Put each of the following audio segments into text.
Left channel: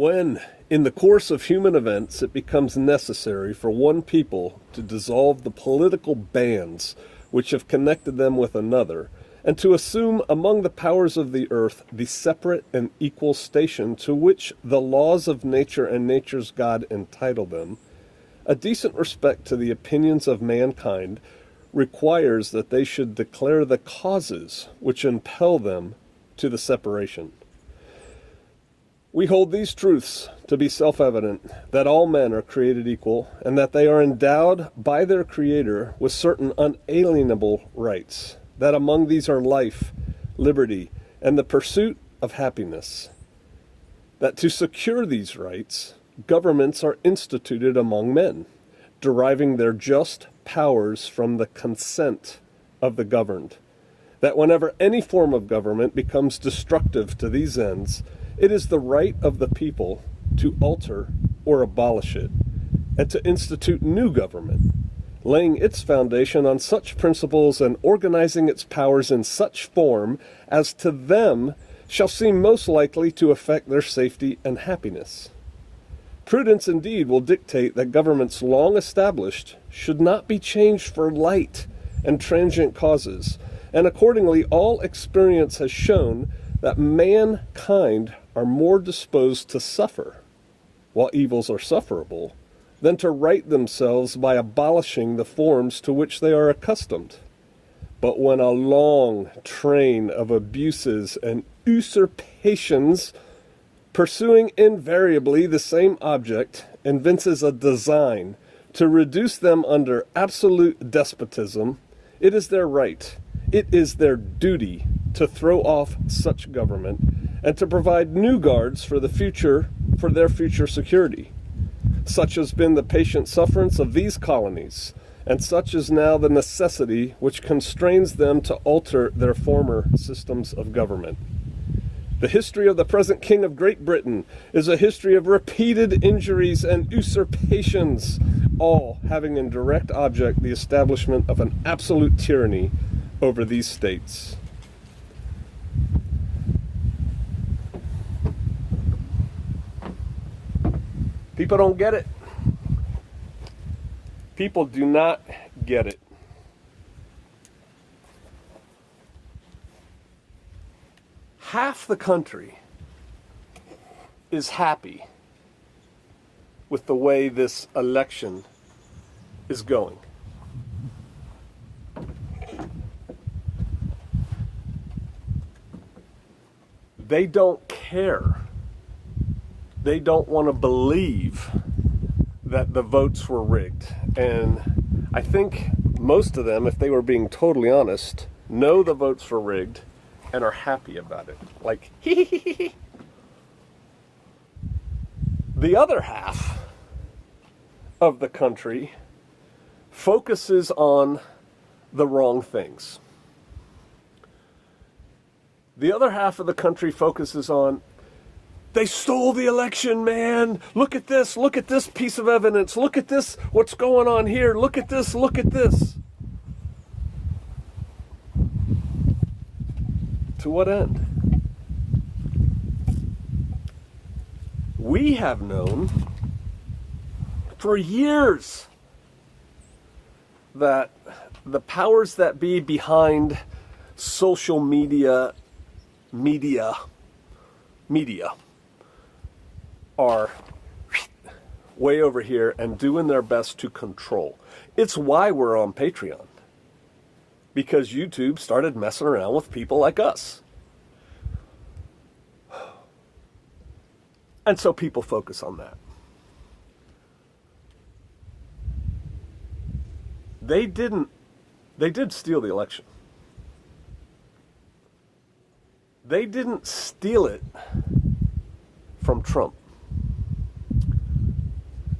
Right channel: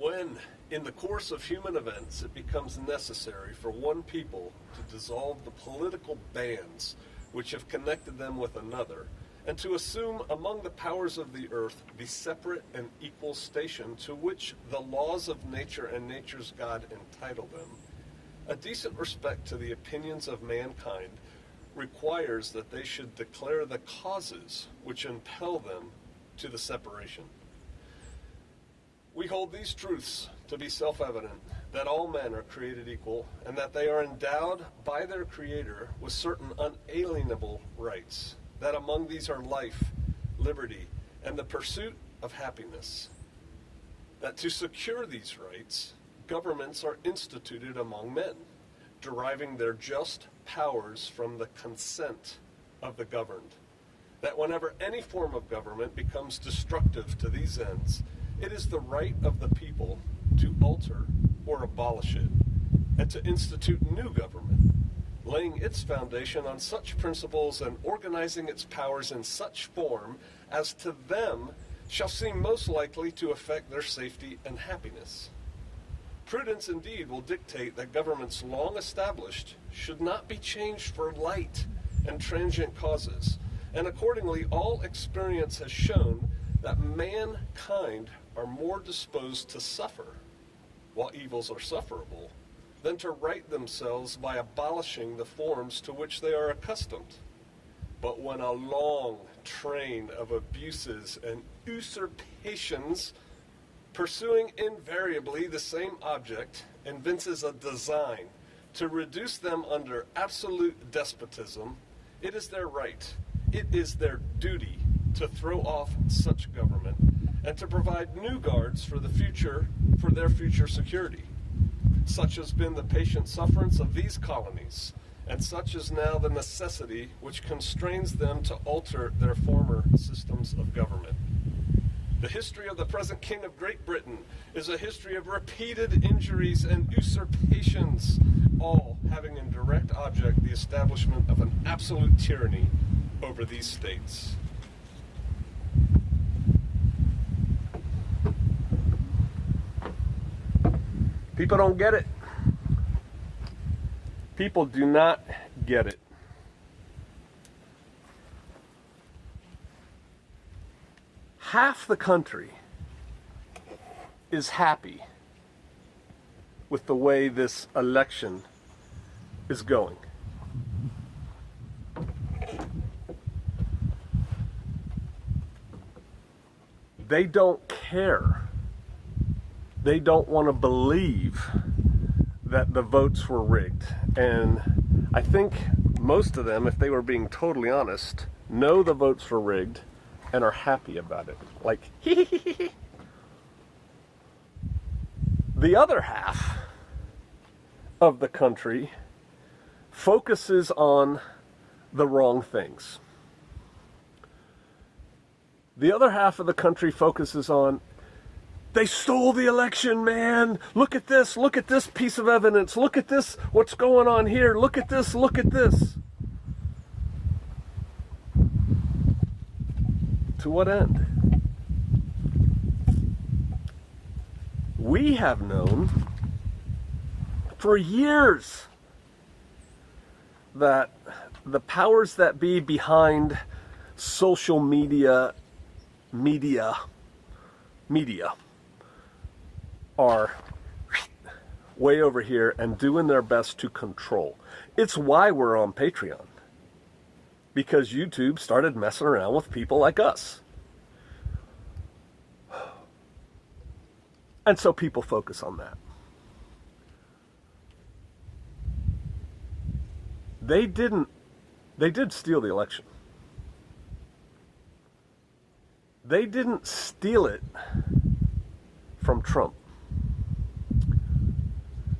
When, in the course of human events, it becomes necessary for one people to dissolve the political bands which have connected them with another, and to assume among the powers of the earth the separate and equal station to which the laws of nature and nature's God entitle them, a decent respect to the opinions of mankind requires that they should declare the causes which impel them to the separation. We hold these truths to be self-evident, that all men are created equal, and that they are endowed by their Creator with certain unalienable rights, that among these are life, liberty, and the pursuit of happiness. That to secure these rights, governments are instituted among men, deriving their just powers from the consent of the governed. That whenever any form of government becomes destructive to these ends, it is the right of the people to alter or abolish it, and to institute new government, laying its foundation on such principles and organizing its powers in such form as to them shall seem most likely to affect their safety and happiness. Prudence indeed will dictate that governments long established should not be changed for light and transient causes, and accordingly all experience has shown that mankind are more disposed to suffer, while evils are sufferable, than to right themselves by abolishing the forms to which they are accustomed. But when a long train of abuses and usurpations, pursuing invariably the same object, evinces a design to reduce them under absolute despotism, it is their right, it is their duty to throw off such government and to provide new guards for the future, for their future security. Such has been the patient sufferance of these colonies, and such is now the necessity which constrains them to alter their former systems of government. The history of the present King of Great Britain is a history of repeated injuries and usurpations, all having in direct object the establishment of an absolute tyranny over these states. People don't get it. People do not get it. Half the country is happy with the way this election is going. They don't care. They don't want to believe that the votes were rigged. And I think most of them, if they were being totally honest, know the votes were rigged and are happy about it. Like, the other half of the country focuses on the wrong things. The other half of the country focuses on, they stole the election, man. Look at this piece of evidence. Look at this, what's going on here. Look at this, look at this. To what end? We have known for years that the powers that be behind social media are way over here and doing their best to control. It's why we're on Patreon. Because YouTube started messing around with people like us. And so people focus on that. They did steal the election. They didn't steal it from Trump.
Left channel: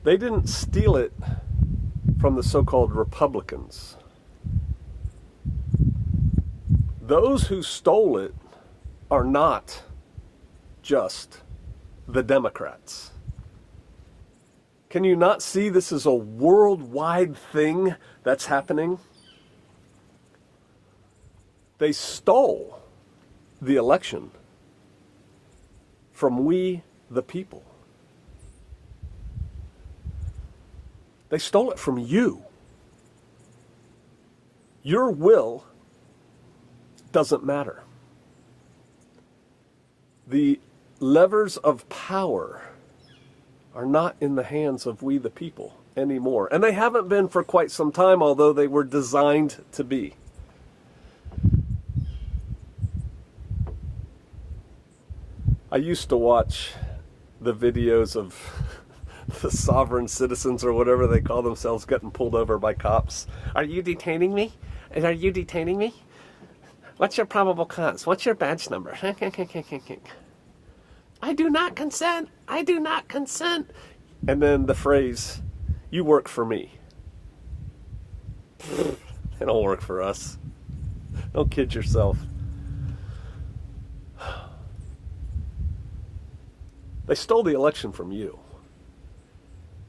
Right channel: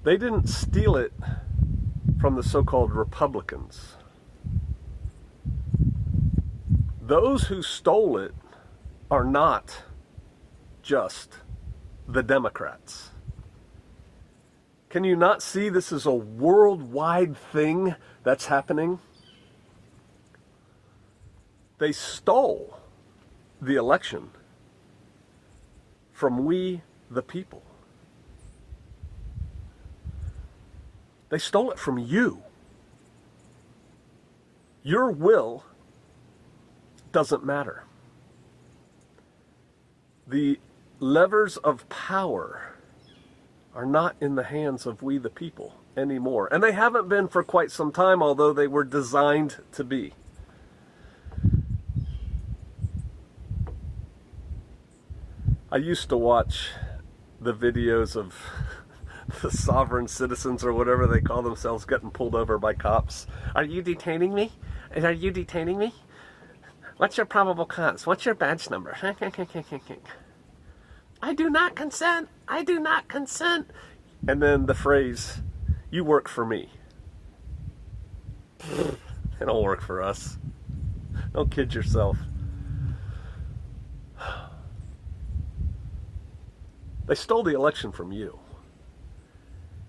They didn't steal it from the so-called Republicans. Those who stole it are not just the Democrats. Can you not see this is a worldwide thing that's happening? They stole the election from we, the people. They stole it from you. Your will doesn't matter. The levers of power are not in the hands of we the people anymore. And they haven't been for quite some time, although they were designed to be. I used to watch the videos of the sovereign citizens or whatever they call themselves getting pulled over by cops. Are you detaining me? Are you detaining me? What's your probable cause? What's your badge number? I do not consent. I do not consent. And then the phrase, you work for me. They don't work for us. Don't kid yourself. They stole the election from you.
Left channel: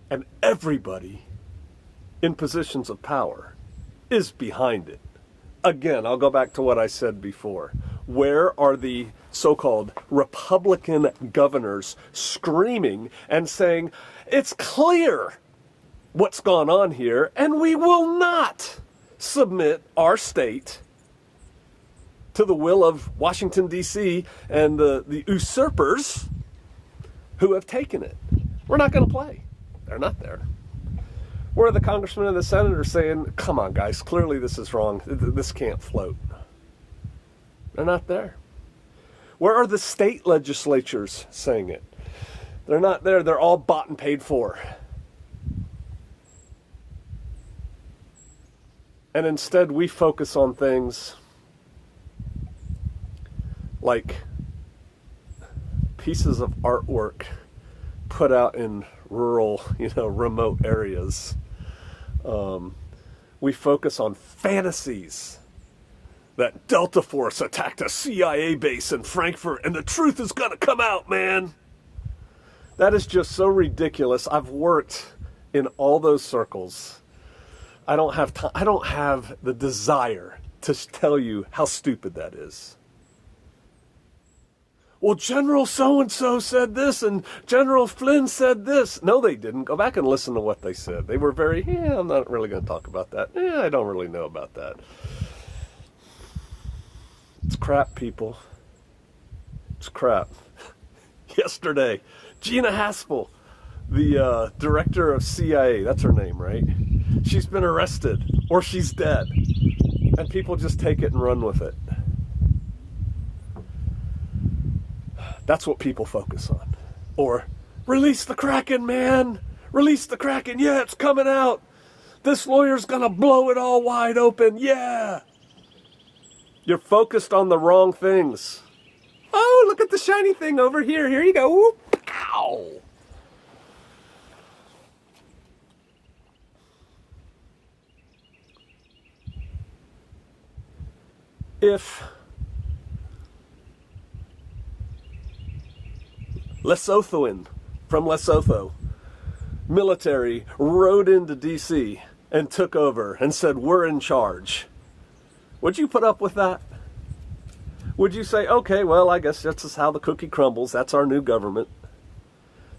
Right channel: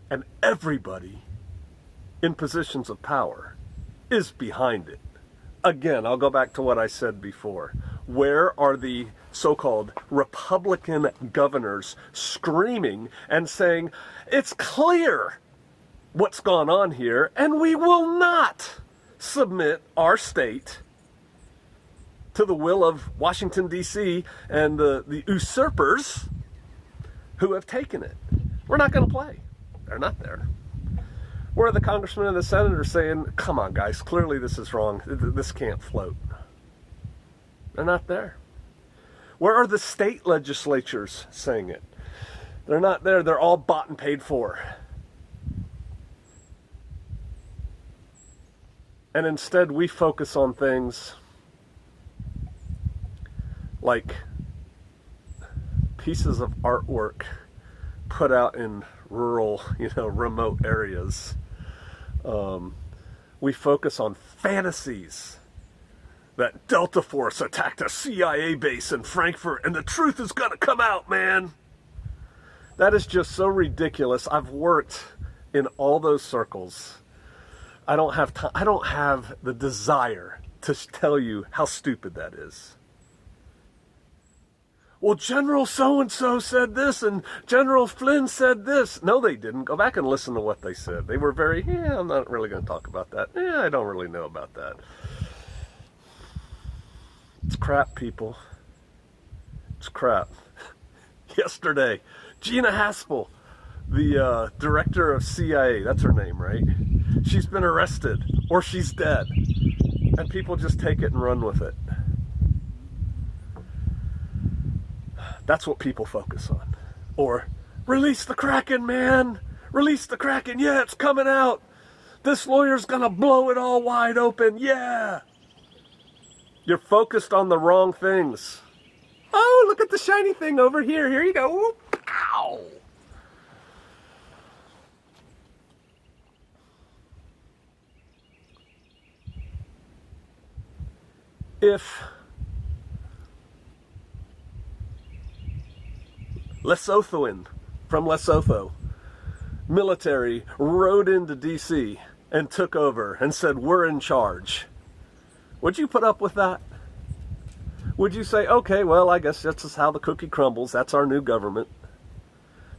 And everybody in positions of power is behind it. Again, I'll go back to what I said before. Where are the so-called Republican governors screaming and saying, it's clear what's gone on here, and we will not submit our state to the will of Washington, D.C. and the usurpers who have taken it. We're not going to play. They're not there. Where are the congressmen and the senators saying, come on, guys, clearly this is wrong. This can't float. They're not there. Where are the state legislatures saying it? They're not there. They're all bought and paid for. And instead, we focus on things like pieces of artwork put out in rural, remote areas. We focus on fantasies that Delta Force attacked a CIA base in Frankfurt and the truth is going to come out, man. That is just so ridiculous. I've worked in all those circles. I don't have time. I don't have the desire to tell you how stupid that is. Well, General so-and-so said this, and General Flynn said this. No, they didn't. Go back and listen to what they said. They were very, I'm not really going to talk about that. I don't really know about that. It's crap, people. It's crap. Yesterday, Gina Haspel, the director of CIA, that's her name, right? She's been arrested, or she's dead. And people just take it and run with it. That's what people focus on. Or, release the Kraken, man! Release the Kraken, yeah, it's coming out! This lawyer's gonna blow it all wide open, yeah! You're focused on the wrong things. Oh, look at the shiny thing over here. Here you go. Whoop. Ow! If Lesothoan from Lesotho military rode into D.C. and took over and said, we're in charge, would you put up with that? Would you say, okay, well, I guess that's just how the cookie crumbles. That's our new government.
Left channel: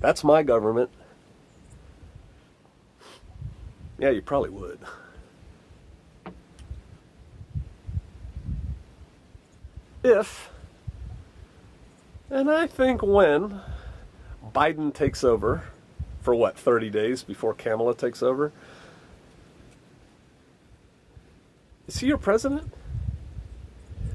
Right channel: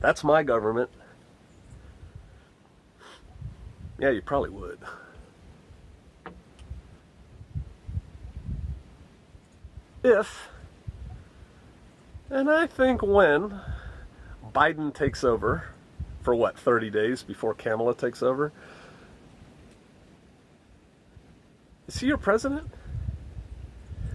That's my government. Yeah, you probably would. If, and I think when, Biden takes over for 30 days before Kamala takes over, is he your president?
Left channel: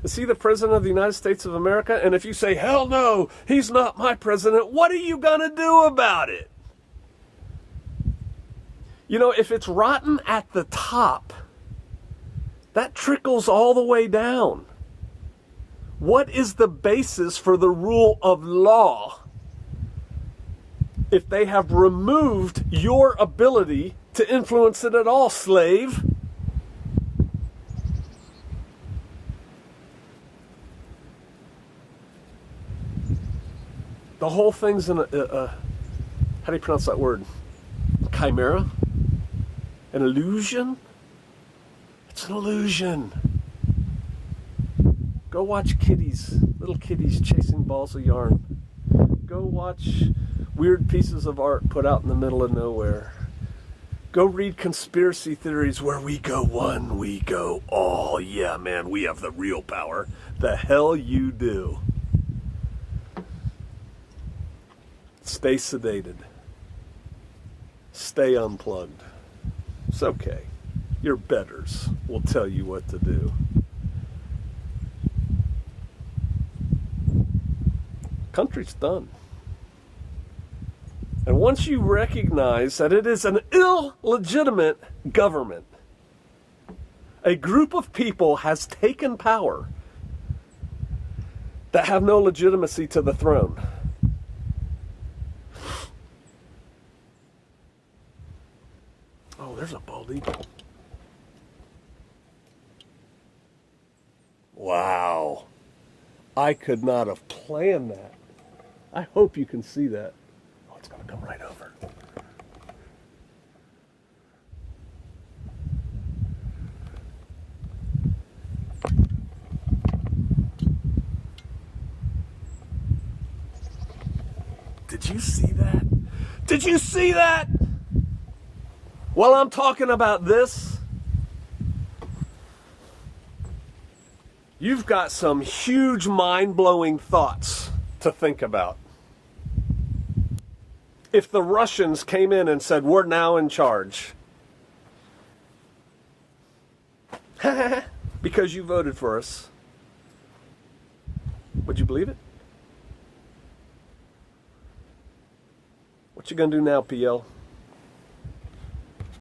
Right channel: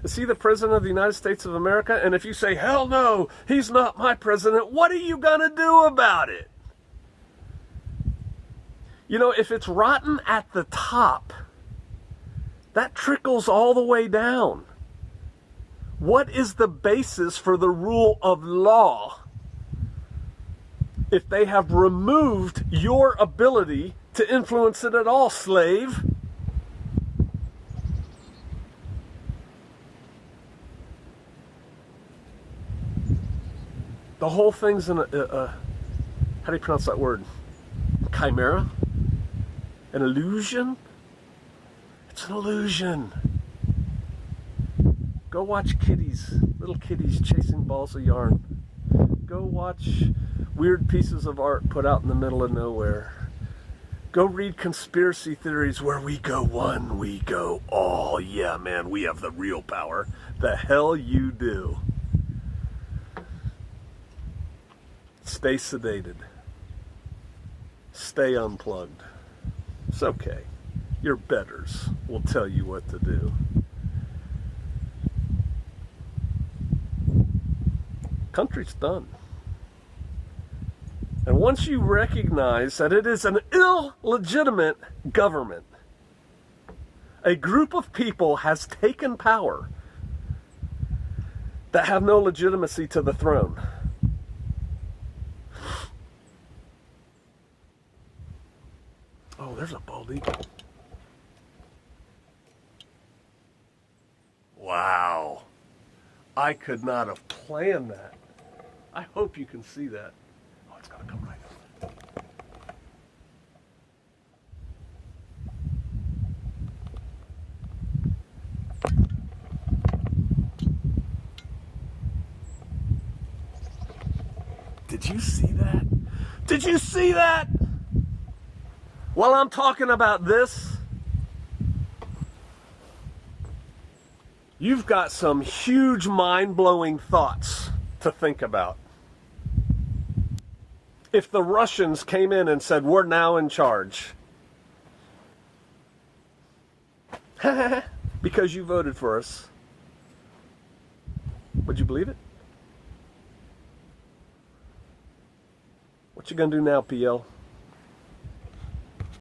Is he the president of the United States of America? And if you say, hell no, he's not my president, what are you going to do about it? If it's rotten at the top, that trickles all the way down. What is the basis for the rule of law if they have removed your ability to influence it at all, slave? The whole thing's in how do you pronounce that word? Chimera? An illusion? It's an illusion. Go watch kitties, little kitties chasing balls of yarn. Go watch weird pieces of art put out in the middle of nowhere. Go read conspiracy theories where we go one, we go all. Yeah, man, we have the real power. The hell you do. Stay sedated. Stay unplugged. It's okay. Your betters will tell you what to do. Country's done. And once you recognize that it is an illegitimate government, a group of people has taken power that have no legitimacy to the throne. Oh, there's a bald eagle. Wow. I could not have planned that. I hope you can see that. Oh, it's going to come right over. Did you see that? Did you see that? While I'm talking about this, you've got some huge mind-blowing thoughts to think about. If the Russians came in and said, we're now in charge, because you voted for us, would you believe it? What you gonna do now, PL?